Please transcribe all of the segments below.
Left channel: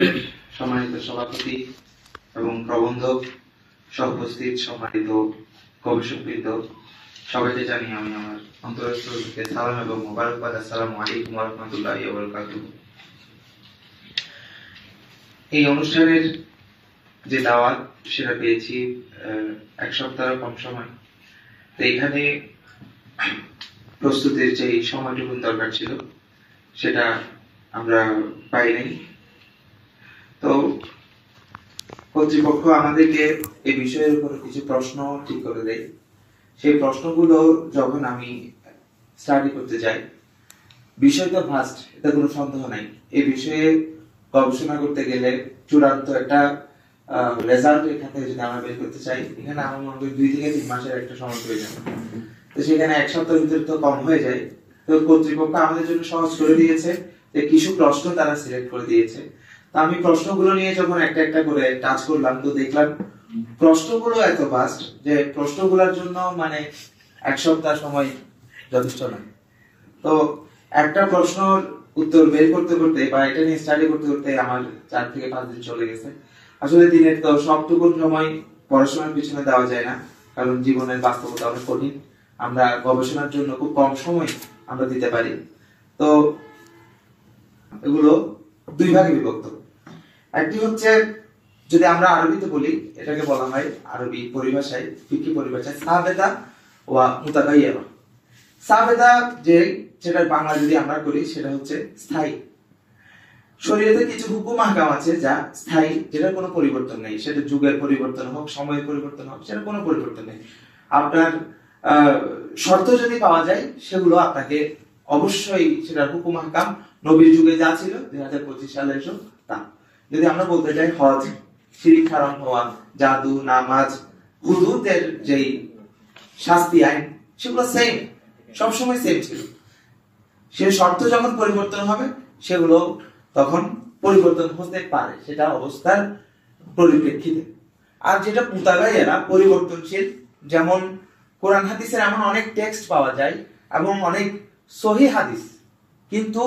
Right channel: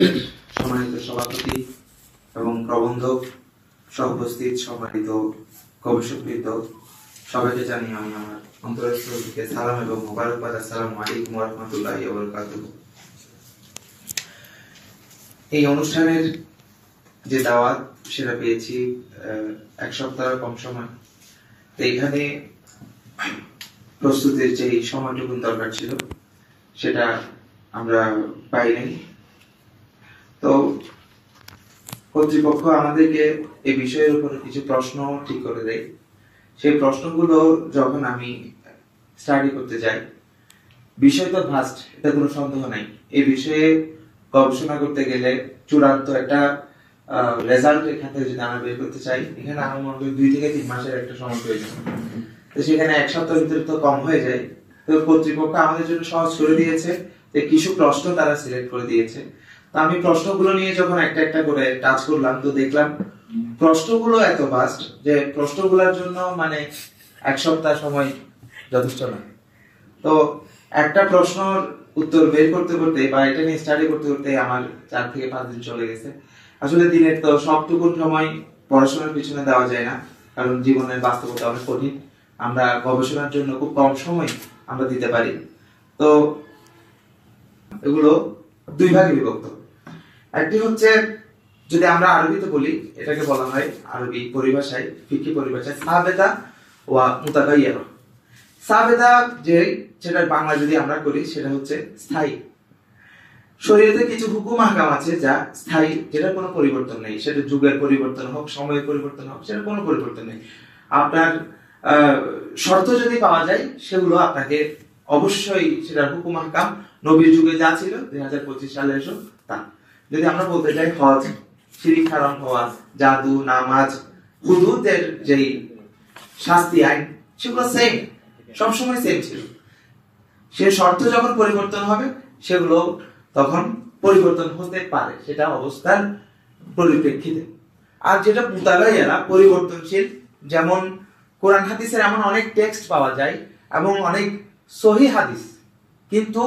সম্মানিত সভাপতি এবং প্রবন্ধক, সহ-উপস্থিত সম্মানিত গবেষকবৃন্দ, সবাইকে জানিয়ে আমি আমার অন্তরস্থল থেকে সালাম এবং মোবারকবাদ। আসসালামু আলাইকুম ওয়া রাহমাতুল্লাহি ওয়া বারাকাতুহু। এই অনুষ্ঠানের যে দাওয়াত সেটা পেয়েছি এক সপ্তাহ কম সময়, তো এখানে প্রস্তুতির যে সময়টুকু দরকার ছিল সেটা আমরা পাই নাই। তো কর্তৃপক্ষ আমাদেরকে এই বিষয়ের উপর কিছু প্রশ্ন ঠিক করে দেয়। সেই প্রশ্নগুলো যখন আমি স্টাডি করতে যাই, বিষয় তো ভাস্ট, এটা কোনো সন্দেহ নাই। এই বিষয়ে গবেষণা করতে গেলে চূড়ান্ত একটা রেজাল্ট এখান থেকে যদি আমরা বের করতে চাই, এখানে আমার মনে করি 2 থেকে 3 মাসের একটা সময় প্রয়োজন। তো সেখানে এক সপ্তাহের ভিতরে তো কম হয়ে যায়। তো কর্তৃপক্ষ আমাদের জন্য সহজ করে দিয়েছে যে কিছু প্রশ্ন তারা সিলেক্ট করে দিয়েছে। তো আমি প্রশ্নগুলো নিয়ে যখন একটা একটা করে টাচ করলাম, তো দেখলাম প্রশ্নগুলো এত ভাস্ট যে প্রশ্নগুলোর জন্য মানে এক সপ্তাহ সময় যথেষ্ট না। তো একটা প্রশ্নের উত্তর বের করতে করতে বা এটা নিয়ে স্টাডি করতে করতে আমার 4 থেকে 5 দিন চলে গেছে। আসলে দিনের তো সবটুকু সময় পড়াশোনার পিছনে দেওয়া যায় না, কারণ জীবনের বাস্তবতা অনেক কঠিন। আমরা গবেষণার জন্য খুব কম সময় আমরা দিতে পারি। তো এগুলো 2 ভাগে বিভক্ত। একটি হচ্ছে, যদি আমরা আরবিতে বলি, এটাকে বলা হয় আরবি পরিভাষায়, ফিকহি পরিভাষায় সাবেদা ওয়া মুতাগায়্যিরা। সাবেদা যেটা বাংলা যদি আমরা করি সেটা হচ্ছে স্থায়ী। শরীয়তে কিছু হুকুম আহকাম আছে যা স্থায়ী, যেটার কোনো পরিবর্তন নেই। সেটা যুগের পরিবর্তন হোক, সময়ের পরিবর্তন হোক, সেটার কোনো পরিবর্তন নেই। আপনার শর্ত যদি পাওয়া যায়, সেগুলো আপনাকে অবশ্যই সেটার হুকুম আহকাম নবীর যুগে যা ছিল 2025 সালে এসো তা। যদি আমরা বলতে চাই হজ, শিরিক হারাম হওয়া, জাদু, নামাজ, হুদুদের যেই শাস্তি আইন, সেগুলো সেম, সবসময় সেম ছিল। সে শর্ত যখন পরিবর্তন হবে, সেগুলো তখন পরিবর্তন হতে পারে, সেটা অবস্থার পরিপ্রেক্ষিতে। আর যেটা মুতাগায়্যিরা, পরিবর্তনশীল, যেমন কোরআন হাদিসের এমন অনেক টেক্সট পাওয়া যায় এবং অনেক সহিহ হাদিস, কিন্তু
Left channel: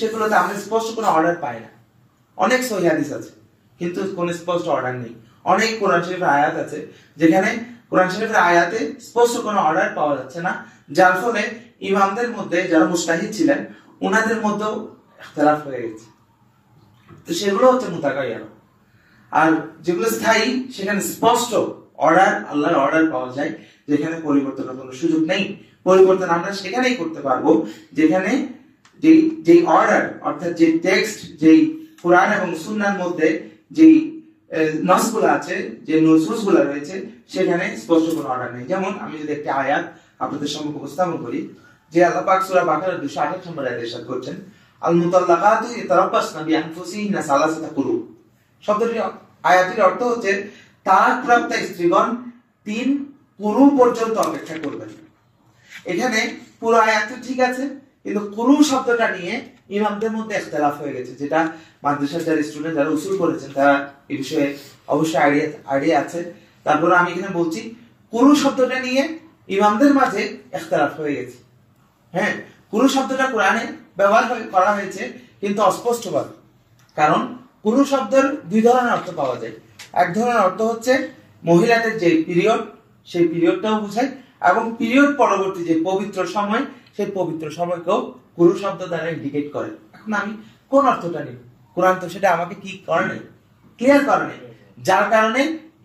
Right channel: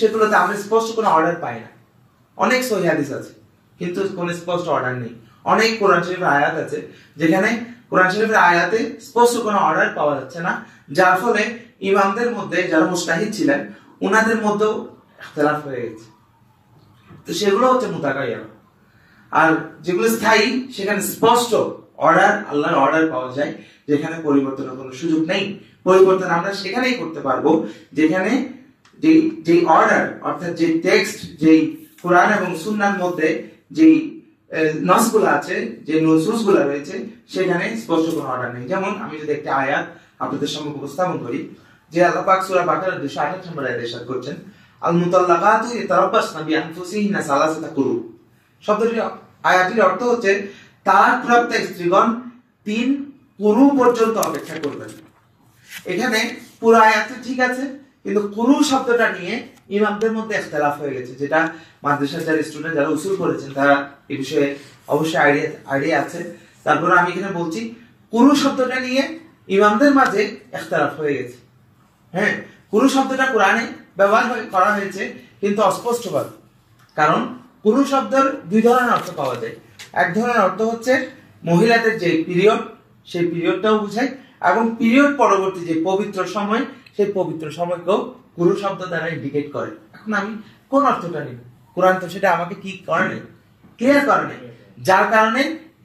সেগুলোতে আমরা স্পষ্ট কোনো অর্ডার পাই না। অনেক সহিহ হাদিস আছে কিন্তু কোনো স্পষ্ট অর্ডার নেই। অনেক কোরআন শরীফের আয়াত আছে যেখানে কোরআন শরীফের আয়াতে স্পষ্ট কোনো অর্ডার পাওয়া যাচ্ছে না, যার ফলে ইমামদের মধ্যে যারা মুজতাহিদ ছিলেন ওনাদের মধ্যেও ইখতিলাফ হয়ে গেছে। তো সেগুলো হচ্ছে মুতাগায়্যিরা। আর যেগুলো স্থায়ী, সেখানে স্পষ্ট অর্ডার, আল্লাহর অর্ডার পাওয়া যায়, যেখানে পরিবর্তনের কোনো সুযোগ নেই। পরিবর্তন আমরা সেখানেই করতে পারবো যেখানে যেই অর্ডার, অর্থাৎ যে টেক্সট, যেই কোরআন এবং সুন্নাহর মধ্যে যেই নসগুলো আছে, যে নুসুসগুলো রয়েছে, সেখানে স্পষ্ট কোনো অর্ডার নেই। যেমন আমি যদি একটা আয়াত আপনাদের সামনে উপস্থাপন করি, যে আল্লাহ পাক সূরা বাকারার 228 নম্বর আয়াতে ইরশাদ করছেন, আল মুতাল্লাকাতু ইয়াতারাব্বাসনা বিআনফুসিহিন্না সালাসাতা কুরু। শব্দটির আয়াতের অর্থ হচ্ছে তালাকপ্রাপ্ত স্ত্রীগণ 3 কুরু পর্যন্ত অপেক্ষা করবেন। এখানে পুরো আয়াতটি ঠিক আছে, কিন্তু কুরু শব্দটা নিয়ে ইমামদের মধ্যে ইখতিলাফ হয়ে গেছে, যেটা মাদ্রাসার যারা স্টুডেন্ট, যারা উসুল করেছেন, তারা এই বিষয়ে অবশ্যই আইডিয়া আছে। তারপরে আমি এখানে বলছি, কুরু শব্দটা নিয়ে ইমামদের মাঝে ইখতিলাফ হয়ে গেছে। হ্যাঁ, কুরু শব্দটা কোরআনে ব্যবহার করা হয়েছে কিন্তু অস্পষ্টভাবে, কারণ কুরু শব্দের 2 ধরনের অর্থ পাওয়া যায়। এক ধরনের অর্থ হচ্ছে মহিলাদের যে পিরিয়ড, সেই পিরিয়ডটাও বোঝায়, এবং পিরিয়ড পরবর্তী যে পবিত্র সময়, সেই পবিত্র সময়কেও কুরু শব্দ দ্বারা ইন্ডিকেট করে। এখন আমি কোন অর্থটা নিব? কোরআন তো সেটা আমাকে কি করে নেই, ক্লিয়ার করে নেই। যার কারণে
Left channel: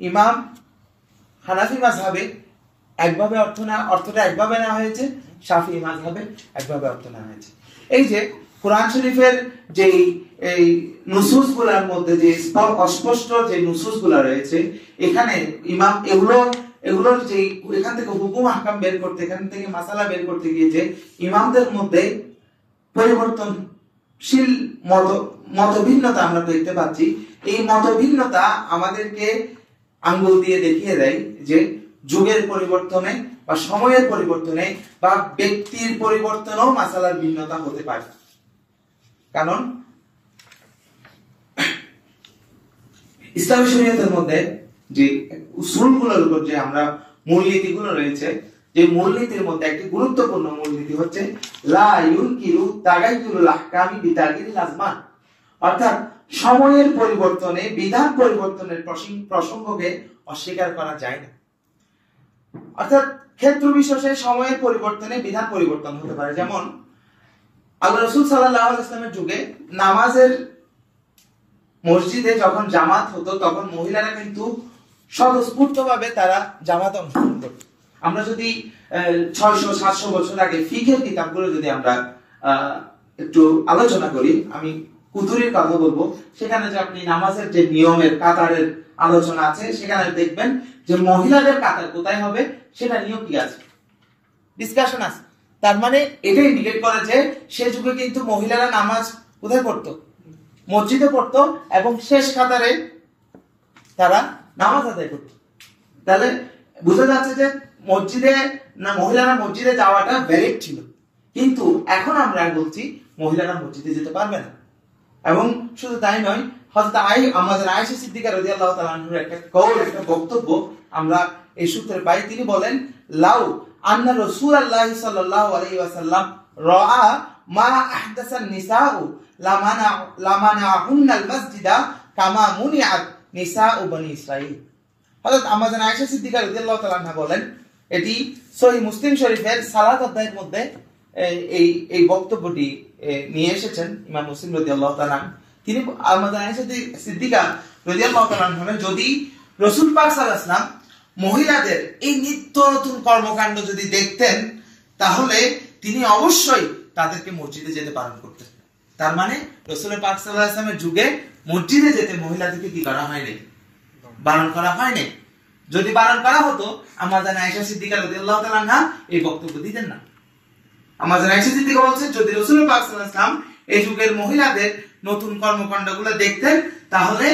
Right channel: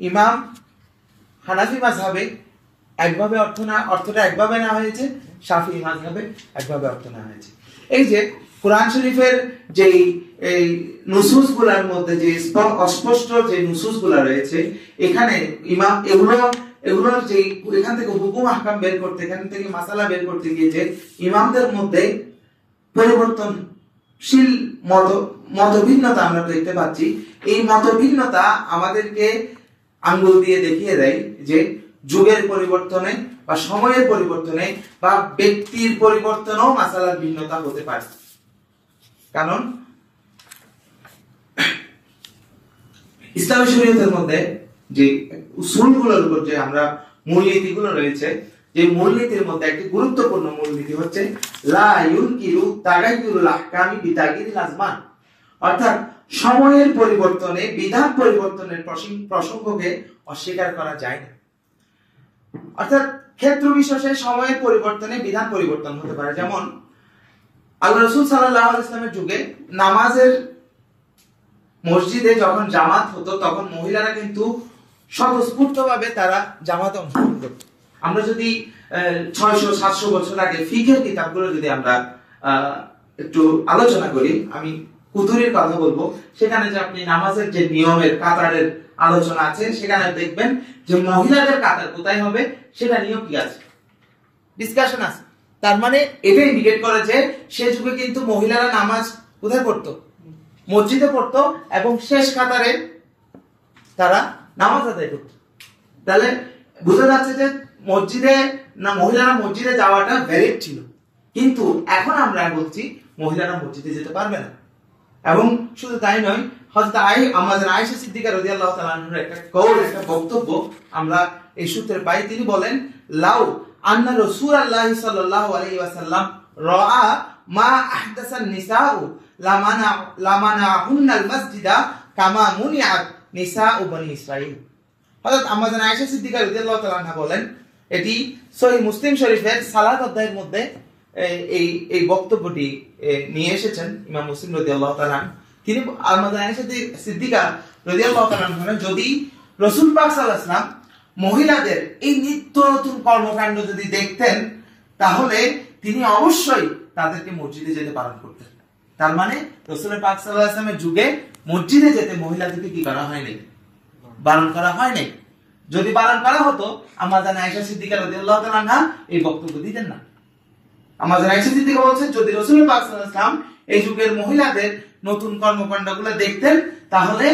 ইমাম হানাফি মাযহাবে একভাবে অর্থটা একভাবে নেওয়া হয়েছে, শাফিঈ মাযহাবে একভাবে অর্থ নেওয়া হয়েছে। এই যে কোরআন শরীফের যে এই নুসুসগুলোর মধ্যে যে অস্পষ্ট যে নুসুসগুলো রয়েছে, এখানে ইমাম এগুলোর যে এখান থেকে হুকুম আহকাম বের করতে, এখান থেকে মাসালা বের করতে গিয়ে যে ইমামদের মধ্যে পরিবর্তনশীল মতভিন্নতা আমরা দেখতে পাচ্ছি, এই মতভিন্নতা আমাদেরকে আঙ্গুল দিয়ে দেখিয়ে দেয় যে যুগের পরিবর্তনে বা সময়ের পরিবর্তনে বা ব্যক্তির পরিবর্তনেও মাসালার ভিন্নতা হতে পারে। কারণ ইসলামী শরীয়তের মধ্যে যে উসুলগুলোর উপর যে আমরা মূলনীতিগুলো রয়েছে, যে মূলনীতির মধ্যে একটি গুরুত্বপূর্ণ মূলনীতি হচ্ছে লা ইউনকিরু তাগাইয়ুরুল আহকামি বিতাগয়িরিল আজমান, অর্থাৎ সময়ের পরিবর্তনে বিধান পরিবর্তনের প্রসঙ্গকে অস্বীকার করা যায় না। অর্থাৎ ক্ষেত্র বিশেষে সময়ের পরিবর্তনে বিধান পরিবর্তন হতে পারে। যেমন আল্লাহ রাসূল সাল্লাল্লাহু আলাইহি ওয়াসাল্লামের যুগে নামাজের মসজিদে যখন জামাত হতো তখন মহিলারা কিন্তু স্বতঃস্ফূর্তভাবে তারা জামাতে অংশগ্রহণ করত। আমরা যদি 600-700 বছর আগে ফিকহের কিতাবগুলো যদি আমরা একটু আলোচনা করি, আমি কুতুরির কথা বলবো, সেখানে যে আপনি নামাজের যে নিয়মের কাতারের আলোচনা আছে সেখানে দেখবেন যে মহিলাদের কাতার কোথায় হবে সেটা নিয়েও কি আছে, ডিসকাশন আছে। তার মানে এটা ইন্ডিকেট করে যে সে যুগে কিন্তু মহিলারা নামাজ কোথায় পড়তো, মসজিদে পড়তো এবং শেষ কাতারে তারা নামাজ আদায় করতো। তাহলে বুঝা যাচ্ছে যে মসজিদে না মহিলারা মসজিদে যাওয়াটা ভ্যালিড ছিল, কিন্তু এখন আমরা বলছি মহিলারা মসজিদে যেতে পারবে না। এবং শুধু তাই নয়, হযরত আমাদের আয়েশা সিদ্দিকা রাদিয়াল্লাহু তাআলা আনহার একটা কওল, একটা বক্তব্য আমরা এই সূত্রে পাই। তিনি বলেন, লাউ আন্না রাসূলুল্লাহি সাল্লাল্লাহু আলাইহি ওয়াসাল্লাম রাআ মা আহদাসান নিসাউ লামানাহুন্নাল মাসজিদা কামা মুনিআত নিসাউ বনি ইসরাঈল। হযরত আমাদের আয়েশা সিদ্দিকা রাদিয়াল্লাহু তাআলা আনহা বলেন, এটি সহিহ মুসলিম শরীফের সালাত অধ্যায়ের মধ্যে এই বক্তব্যটি নিয়ে এসেছেন ইমাম মুসলিম রাদিয়াল্লাহু তাআলা। তিনি আমাদের আয়েশা সিদ্দিকা রাদিয়াল্লাহু তাআলা বলেন, যদি রাসূল পাক সাল্লাল্লাহু আলাইহি ওয়াসাল্লাম মহিলাদের এই নিত্য নতুন কর্মকাণ্ড যদি দেখতেন তাহলে তিনি অবশ্যই তাদেরকে মসজিদে যেতে বারণ করতেন। তার মানে রাসূল পাক সাল্লাল্লাহু আলাইহি ওয়াসাল্লামের যুগে মসজিদে যেতে মহিলাদেরকে কি করা হয়নি, বারণ করা হয়নি। যদি বারণ করা হতো আমাদের আয়েশা সিদ্দিকা রাদিয়াল্লাহু তাআলা আনহা এই বক্তব্য দিতেন না। আমাদের আয়েশা সিদ্দিকা বলছেন, যদি রাসূল পাক সাল্লাল্লাহু আলাইহি ওয়াসাল্লাম এই যুগের মহিলাদের নতুন কর্মকাণ্ডগুলো দেখতেন তাহলে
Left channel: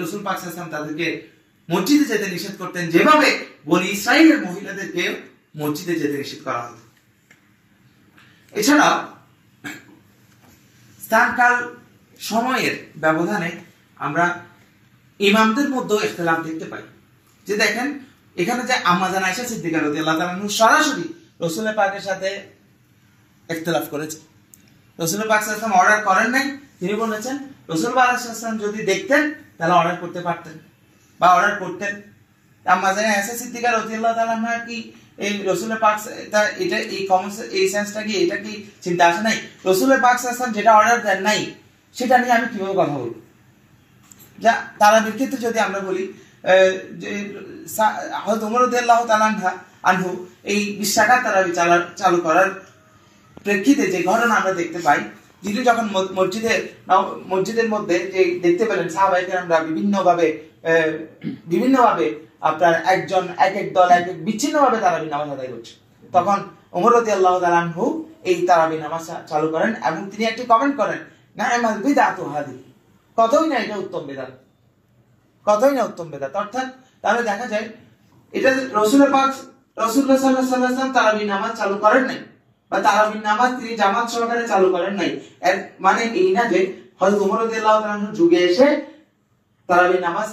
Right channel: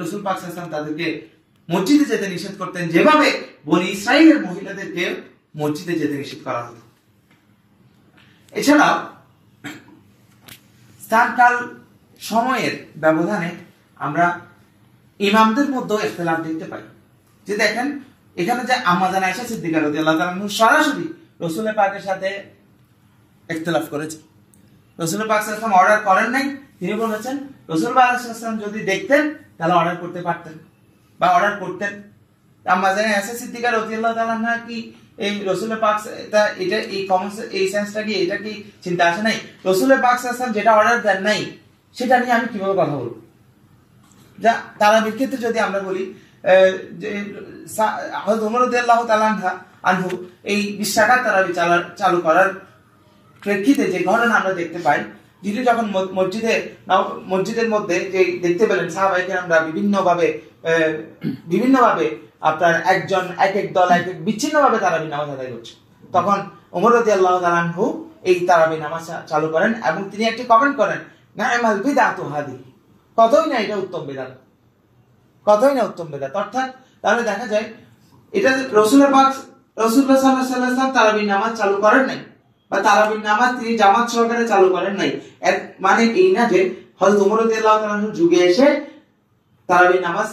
রাসূল পাক সাল্লাল্লাহু আলাইহি ওয়াসাল্লাম তাদেরকে মসজিদে যেতে নিষেধ করতেন, যেভাবে বনি ইসরাইলের মহিলাদেরকে মসজিদে যেতে নিষেধ করা হতো। এছাড়া স্থানকাল সময়ের ব্যবধানে আমরা ইমামদের মধ্যে ইখতিলাফ দেখতে পাই। যে দেখেন এখানে যে আমাদের আয়েশা সিদ্দিকা রাদিয়াল্লাহু তাআলা সরাসরি রাসূল পাকের সাথে ইখতিলাফ করেছে। রাসূল পাক সাল্লাল্লাহু আলাইহি ওয়াসাল্লাম অর্ডার করেন নাই, তিনি বলেছেন রাসূল পাক সাল্লাল্লাহু আলাইহি ওয়াসাল্লাম যদি দেখতেন তাহলে অর্ডার করতে পারতেন বা অর্ডার করতেন। আমাদের আয়েশা সিদ্দিকা রাদিয়াল্লাহু তাআলা আনহা কি এই রাসূল পাক এটা এই কমন এই সেন্সটা কি এটা কি চিন্তা আসে নাই? রাসূল পাক সাল্লাল্লাহু আলাইহি ওয়াসাল্লাম যেটা অর্ডার দেন নাই সেটা নিয়ে আমি কিভাবে কথা বলবো? যা তারাবির ক্ষেত্রে যদি আমরা বলি যে হযরত ওমর রাদিয়াল্লাহু তাআলা আনহু এই 20 রাকাত তারাবি চালু করার প্রেক্ষিতে যে ঘটনা আমরা দেখতে পাই, যিনি যখন মসজিদের মধ্যে যে দেখতে পেলেন সাহাবায়ে কেরামরা বিভিন্নভাবে আপনার একজন এক এক দল এক এক বিচ্ছিন্নভাবে তারাবি নামাজ আদায় করছে, তখন ওমর রাদিয়াল্লাহু তাআলা আনহু এই তারাবি নামাজ চালু করেন এবং তিনি একটি কমেন্ট করেন, না'মাল বিদআতু হাদিহি, কতই না এটা উত্তম বিদআত, কতই না উত্তম বিদআত। অর্থাৎ তাহলে দেখা যায় এটা রাসূলুল্লাহ সাল্লাল্লাহু আলাইহি ওয়াসাল্লাম তারাবি নামাজ চালু করেন নাই বা তারাবি নামাজ তিনি জামাত সহকারে চালু করেন নাই, এর মানে এই না যে হযরত ওমর রাদিয়াল্লাহু তাআলা আনহু যুগে এসে তারাবি নামাজ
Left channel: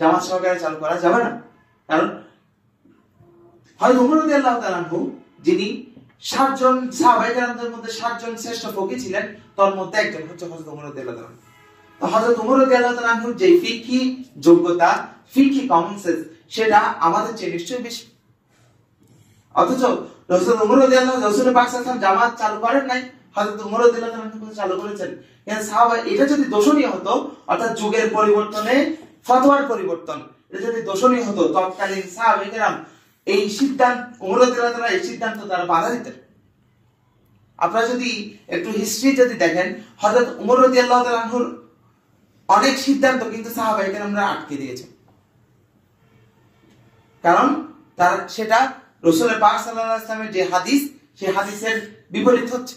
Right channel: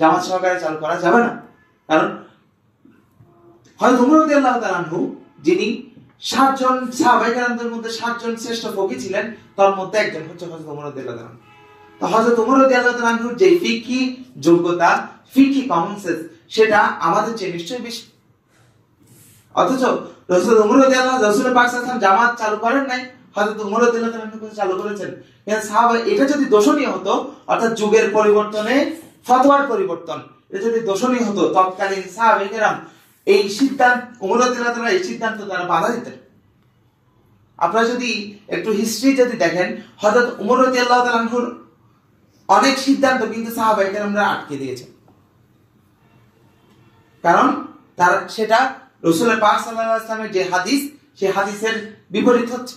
জামাত সহকারে চালু করা যাবে না। কারণ হযরত ওমর রাদিয়াল্লাহু তাআলা আনহু যিনি 7 জন সাহাবায়ে কেরামদের মধ্যে 7 জন শ্রেষ্ঠ ফকি ছিলেন, তার মধ্যে একজন হচ্ছে হযরত ওমর রাদিয়াল্লাহু তাআলা। তো হযরত ওমর রাদিয়াল্লাহু তাআলা আনহুর যে ফিকহি যোগ্যতা, ফিকহি কমন সেন্স সেটা আমাদের চেয়ে নিশ্চয়ই বেশি। অথচ রাসূল ওমর রাদিয়াল্লাহু রাসূল পাক সাল্লাল্লাহু আলাইহি ওয়াসাল্লাম জামাত চালু করেন নাই, হযরত ওমর রাদিয়াল্লাহু তাআলা আনহু চালু করেছেন। এর সাহাবা এটা যদি দোষণীয় হতো, অর্থাৎ যুগের পরিবর্তনে ফতোয়ার পরিবর্তন, এটা যদি দোষণীয় হতো তৎকালীন সাহাবায়ে কেরাম এই সিদ্ধান্ত ওমর রাদিয়াল্লাহু তাআলা এই সিদ্ধান্ত তারা বাধা দিতেন। আপনারা যদি একটু হিস্ট্রি যদি দেখেন, হযরত ওমর রাদিয়াল্লাহু তাআলা আনহুর অনেক সিদ্ধান্ত কিন্তু সাহাবায়ে কেরামরা আটকে দিয়েছে, কারণ তার সেটা রাসূল পাক সাল্লাল্লাহু আলাইহি ওয়াসাল্লামের যে হাদিস সেই হাদিসের বিপরীত হচ্ছে।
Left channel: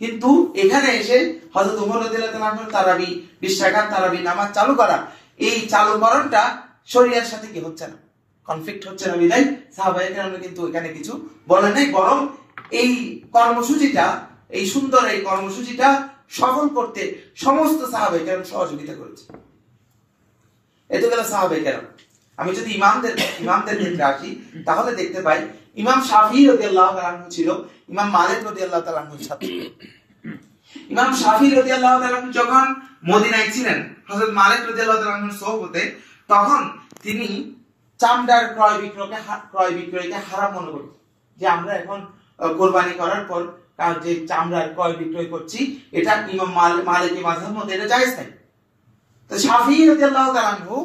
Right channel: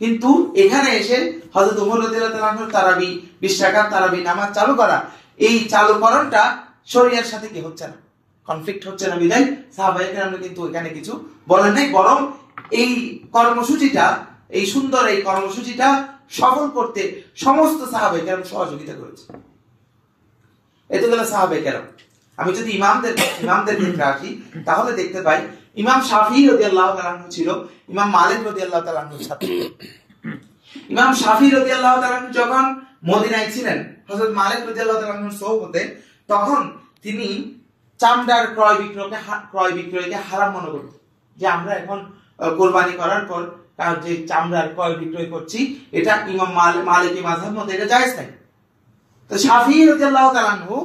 কিন্তু এখানে এসে হযরত ওমর রাদিয়াল্লাহু তাআলা আনহু তারাবি 20 রাকাত তারাবি নামাজ চালু করা, এই চালুকরণটা শরীয়তের সাথে কি হচ্ছে না, কনফ্লিক্ট হচ্ছে না বিধায় সাহাবায়ে কেরামরা কিন্তু এখানে কিছু বলেন নাই, বরং এই কর্মসূচিটা এই সুন্দর এই কর্মসূচিটা সফল করতে সমস্ত সাহাবায়ে কেরাম সহযোগিতা করেছে। এত গেল সাহাবায়ে কেরাম। আমি যদি ইমামদের ক্ষেত্রে আসি তাহলে দেখতে পাই ইমাম শাফি রাদিয়াল্লাহু তাআলা আনহু ছিল ইমাম মালিক রাদিয়াল্লাহু তাআলা আনহুর সাথে। ইমাম শাফি রাদিয়াল্লাহু তাআলা আনহু যখন মদিনায় ছিলেন হযরত মালিক রাদিয়াল্লাহু তাআলা আনহুর সোহবতে, তখন তিনি চামড়ার ক্রয় বিক্রয়কে হারাম মনে করতেন, যে আমরা এখন কোরবানি করার পর যে চামড়ার ক্রয় বিক্রয় করছি এটা ইমাম মালিকি মাযহাব মতে এটা জায়েজ নাই। তো শাফি রাদিয়াল্লাহু তাআলা আনহু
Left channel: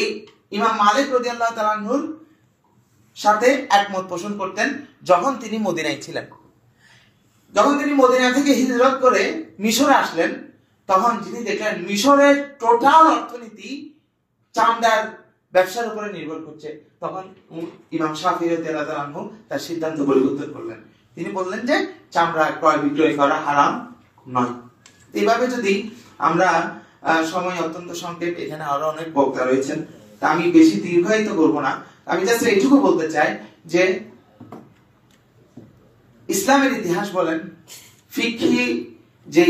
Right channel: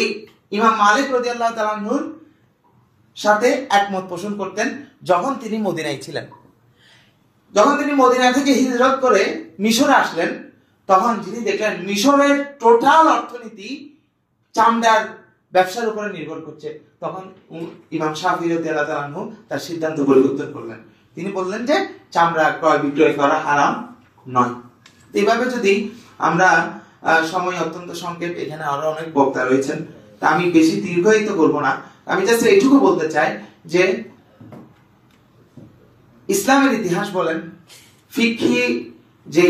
এই ইমাম মালিক রাদিয়াল্লাহু তাআলা আনহুর সাথে একমত পোষণ করতেন যখন তিনি মদিনায় ছিলেন। যখন তিনি মদিনা থেকে হিজরত করে মিশরে আসলেন, তখন তিনি দেখলেন মিশরের টোটাল অর্থনীতি চামড়ার ব্যবসার উপরে নির্ভর করছে। তখন ইমাম শাফি রাদিয়াল্লাহু তাআলা আনহু তার সিদ্ধান্ত পরিবর্তন করলেন। তিনি বললেন যে চামড়া ক্রয় বিক্রয় করা হারাম নয়। এইভাবে যদি আমরা, সময় অত্যন্ত সংক্ষেপ, এখানে আরো অনেক বক্তা রয়েছেন, তা আমি বেশি দীর্ঘায়িত করব না। আমি জাস্ট এইটুকু বলতে চাই যে ইসলামের ইতিহাস বলেন, ফিকহি, যে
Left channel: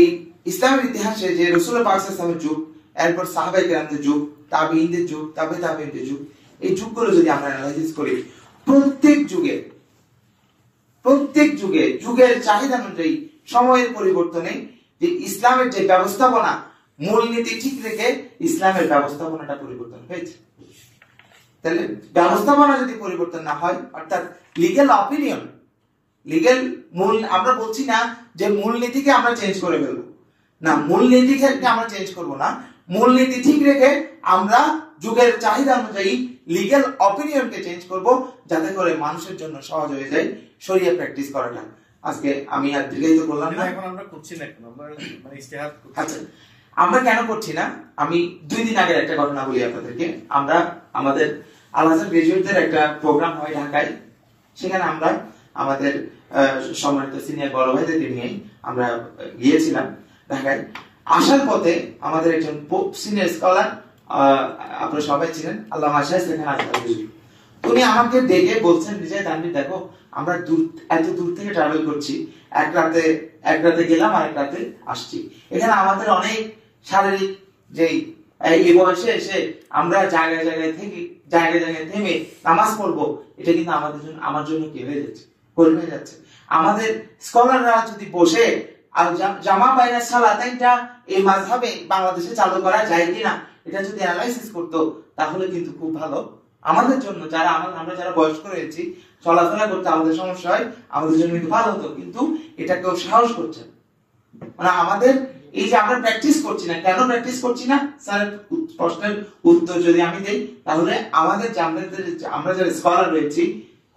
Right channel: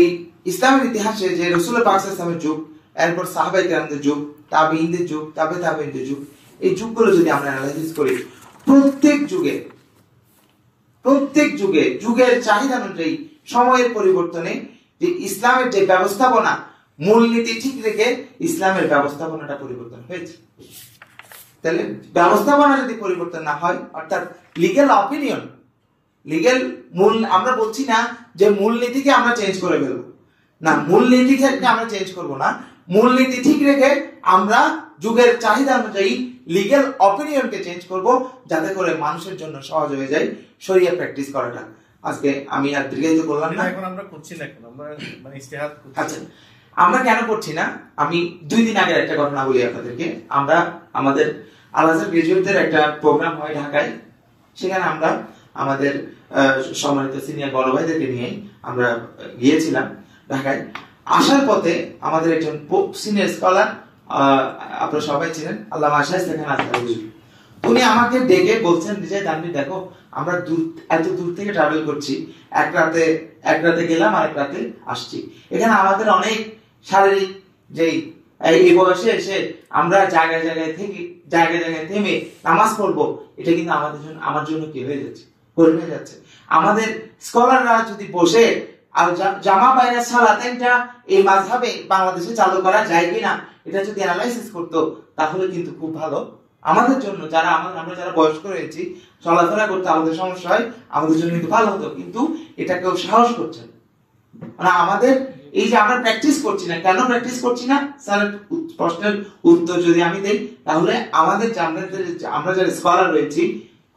ইসলামের ইতিহাসে যে রাসূল পাক সাল্লাল্লাহু আলাইহি ওয়াসাল্লামের যুগ, এরপর সাহাবায়ে কেরামদের যুগ, তাবেঈনদের যুগ, তাবেঈনদের যুগ, এই যুগগুলো যদি আমরা অ্যানালাইসিস করি, প্রত্যেক যুগে যুগের চাহিদা অনুযায়ী সময়ের পরিবর্তনে যে ইসলামের যে ব্যবস্থাপনা, মূলনীতি ঠিক রেখে ইসলামের ব্যবস্থাপনাটা পরিবর্তন হয়েছে। তাহলে ব্যবস্থাপনা যদি পরিবর্তন না হয়, অর্থাৎ লিগ্যাল অপিনিয়ন, আমরা বলছি না যে মূলনীতিকে আমরা চেঞ্জ করে ফেলবো, না, মূলনীতিকে আমরা চেঞ্জ করব না, মূলনীতি ঠিক রেখে আমরা যুগের চাহিদা অনুযায়ী লিগ্যাল অপিনিয়নকে চেঞ্জ করব, যাতে করে মানুষের জন্য সহজ হয়ে যায় শরিয়া প্র্যাকটিস করাটা। আজকে আমি আর দীর্ঘায়িত করলাম না। এখন আমরা করছি না, এখন আমরা মানে ইজতিহাদ করছি। আচ্ছা, আমরা কেন করছি না, আমি 2 দিন আগের একটা ঘটনা বলি আপনাদেরকে। আমরা আমাদের আল আজহার গ্রাজুয়েটদের একটা প্রোগ্রাম হয় ঢাকায়, সেখানে আমরা আমাদের সম্মানিত সিনিয়র বড় ভাইদেরকে নিয়ে আমরা গিয়েছিলাম ঢাকায়। আসার পথে আমাদের একজন সিনিয়র স্কলার, আপনারা সবাই ছিলেন, আল্লামা শাহেদ সেখানে আসতেন। উনি আমাকে ডেকে বলছেন, যে তানভীর দেখো, আমরা এত দূর থেকে ট্রাভেল করছি, এক রাতে গেলাম আর এক রাতে আসছি, এখানে আমাদের অনেক শারীরিক, যেই এই বয়সে এসে আমরা জায়গায় জায়গায় থেমে নামাজ পড়বো, এটা কিন্তু আমার জন্য কি হয়ে যাচ্ছে, কঠিন হয়ে যাচ্ছে। আমাদের স্কলাররা যদি বসে আর জামা বাইনা সালাতাইনটা এই মাযহাবে বাংলাদেশে চালু করা যায় কিনা, এটা যদি অ্যানালাইসিস করতো, তাহলে কিন্তু খুব ভালো আমাদের জন্য, আমরা যারা বয়স্ক রয়েছি, চলাফেরা করতে আমাদের সমস্যা হয়, আমাদের জন্য কিন্তু ভালো হতো। কিন্তু এটা কেউ সাহস করছে না। মানে আমাদের এই যে আমরা প্র্যাকটিস করছি না, কেন প্র্যাকটিস করছি না, স্যার প্রশ্নের উত্তর যদি আমি দেই, তাহলে আমাদের আমরা যারা স্কলার রয়েছি,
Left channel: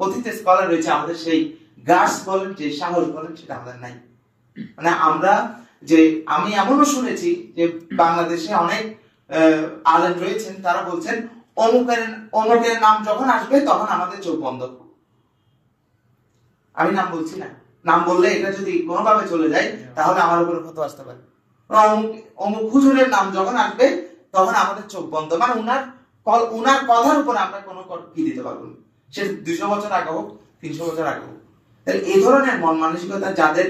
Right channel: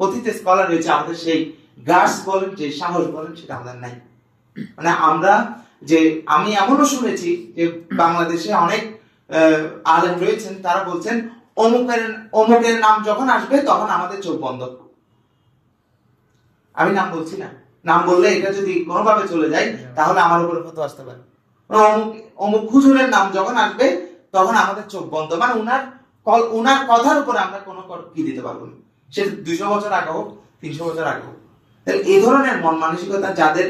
কথিত স্কলার রয়েছে, আমাদের সেই গার্ডস বলেন, যে সাহস বলেন, সেটা আমাদের নাই। মানে আমি এমনও শুনেছি যে বাংলাদেশে অনেক আলেম রয়েছেন, তারা বলছেন অমুকের নাম যখন আসবে তখন আমাদের চোখ বন্ধ। আমি নাম বলছি না, নাম বললে এটা যদি কোনোভাবে চলে যায়, তাহলে আমার উপরে ফতোয়া আসতে পারে। অমুক হুজুরের নাম যখন আসবে তখন আমাদের চোখ বন্ধ, মানে উনার কথার উপর আমরা কোনো কি দিতে পারবো না, সে 200 বছর আগে হোক, 300 বছর আগে হোক। তাহলে এই ধরনের মন মানসিকতা যাদের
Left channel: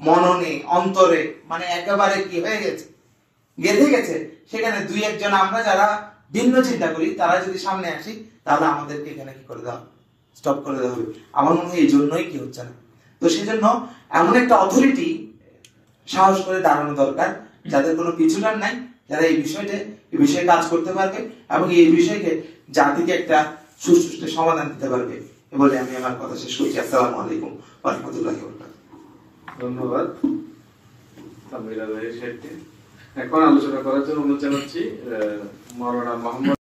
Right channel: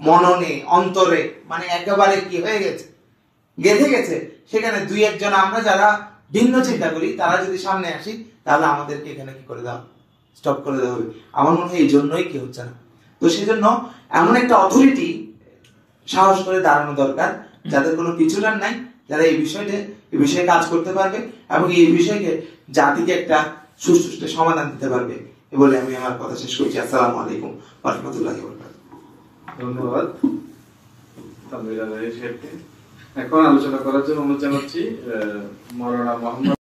মননে, অন্তরে, মানে একেবারে কি হয়ে গেছে, গেঁথে গেছে, সেখানে 2-1 জন আমরা যারা ভিন্ন চিন্তা করি, তারা যদি সামনে আসি, তাহলে আমাদেরকে এখানে কি করে দেওয়া, স্টপ করে দেওয়া হবে। আমার মনে হয় এই জন্যই কি হচ্ছে না। তো সেজন্য এমন একটা অথরিটি সাহস করে দাঁড়ানো দরকার, যাদের কোনো পিছুটান নাই, যারা এই বিষয়ে কাজ করতে পারবে এবং এই বিষয়কে জাতিকে একটা সুষ্ঠু সমাধান দিতে পারবে। এ বলে আমি আমার কথা শেষ করছি। আসসালামু আলাইকুম ওয়া রাহমাতুল্লাহি ওয়া বারাকাতুহু। ধন্যবাদ তানভীর সাহেবকে। এখন আলোচনা করার জন্য অনুরোধ জানাচ্ছি মাওলানা মোহাম্মদ